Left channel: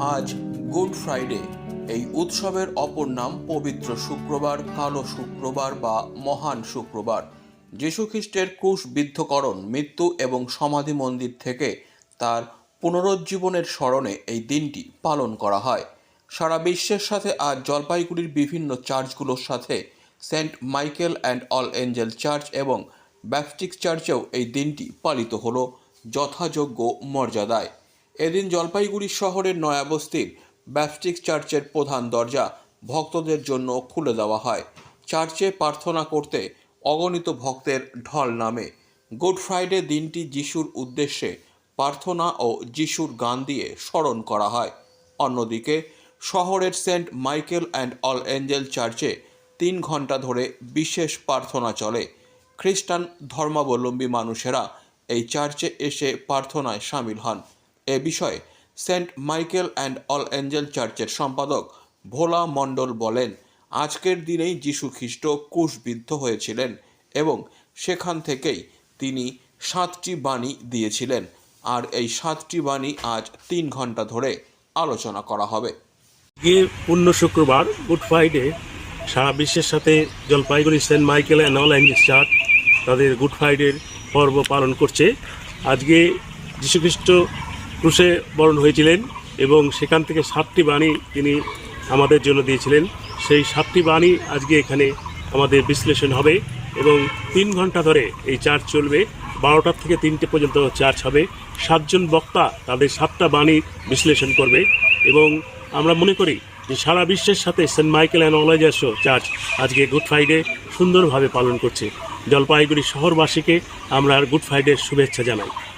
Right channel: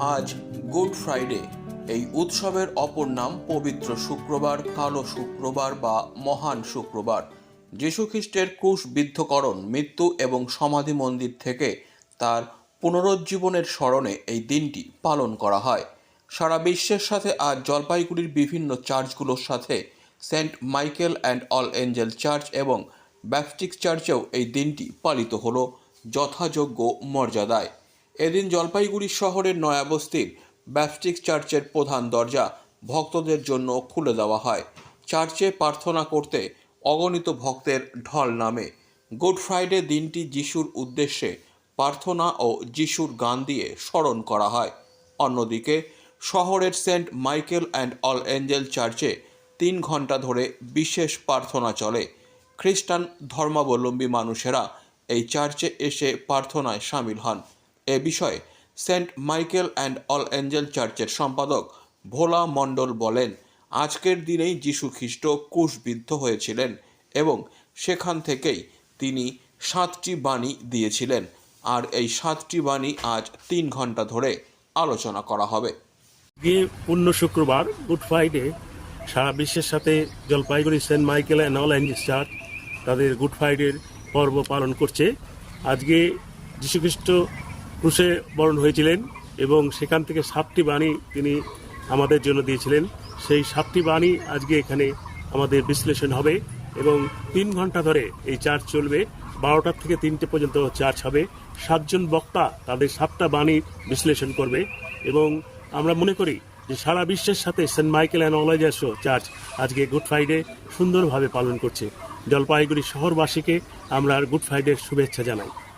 আজ good Friday. এই উৎসবের অপর নাম পবিত্র শুক্রবার, কালো শুক্রবার বা মহান শুক্রবার। যীশুখ্রিস্টের ক্রুশবিদ্ধকরণ মৃত্যু এবং সমাধি মন্দির থেকে তার পুনরুজ্জীবনের স্মরণে এই দিনটি পালন করা হয়। সারা বিশ্বের সাথে আজ জলপাইগুড়ির বিভিন্ন চার্চগুলোর সাথে Saint Michael and All Angel church এবং ব্যাপটিক চার্চেও এই দিনটি পালিত হলো যথাযোগ্য মর্যাদায়। এদিন জলপাইগুড়ি শহরের নয়াবস্তির ব্যাপটিক চার্চের প্রধান দরজা ভক্তদের জন্য খুলে দেওয়া হয়। চার্চে প্রার্থনা করতে অগণিত ভক্তের ঢল নামে। গুড ফ্রাইডে দিনটি যিশুর উদ্দেশ্যে প্রার্থনা ও যিশুর গান দিয়ে স্মরণ করা হয়। অন্যদিকে, শহরের Saint Michael and All Angel চার্চে তিন ঘণ্টা ধরে বিশেষ প্রার্থনা চলে। খ্রিস্টান ধর্মাবলম্বী মানুষেরা এই চার্চে এসে প্রার্থনায় সামিল হন। এ বিষয়ে Saint Michael and All Angel চার্চের সম্পাদক ভোলা মণ্ডল বলেন, আজকের দিনেই যীশু খ্রিস্ট কুশবিদ্ধ হয়েছিলেন এবং সেখান থেকেই তিনি সাতটি বাণী দিয়েছিলেন। আর এই সাতটি বাণী আজ তিন ঘণ্টা ধরে আলোচনা করা হবে। গিয়ে পূর্ণ শুক্রবার, গুড ফ্রাইডে, সারা বিশ্বের সাথে Jalpaiguri Saint Michael and All Angels church তাদের গুড ফ্রাইডের পর্ব পালন করছে। আজকে যীশুখ্রিস্ট ক্রুশে বরণ হয়েছিলেন এবং সেখান থেকে সাতটি বাণী তিনি আমাদের জন্য দিয়েছিলেন। সেই সাতটি বাণী আজকে এখানে আমাদের বিশ্লেষণ হবে এবং তিন ঘণ্টা ধরে এই চার্চ চলবে। বারোটার থেকে তিনটে পর্যন্ত চার্চ হবে। সাতজন বক্তা তাদের সাতটা বাণী বিশ্লেষণ করবে এবং আমরা মনে করি যে সারা বিশ্বের সাথে সেন্ট মাইকেল অ্যান্ড অলাইজাস চার্চ আজকে গুড ফ্রাইডে সুন্দরভাবে পালন করছে। জলপাইগুড়ি শহরবাসীকে আমরা গুড ফ্রাইডের শুভেচ্ছা জানাই।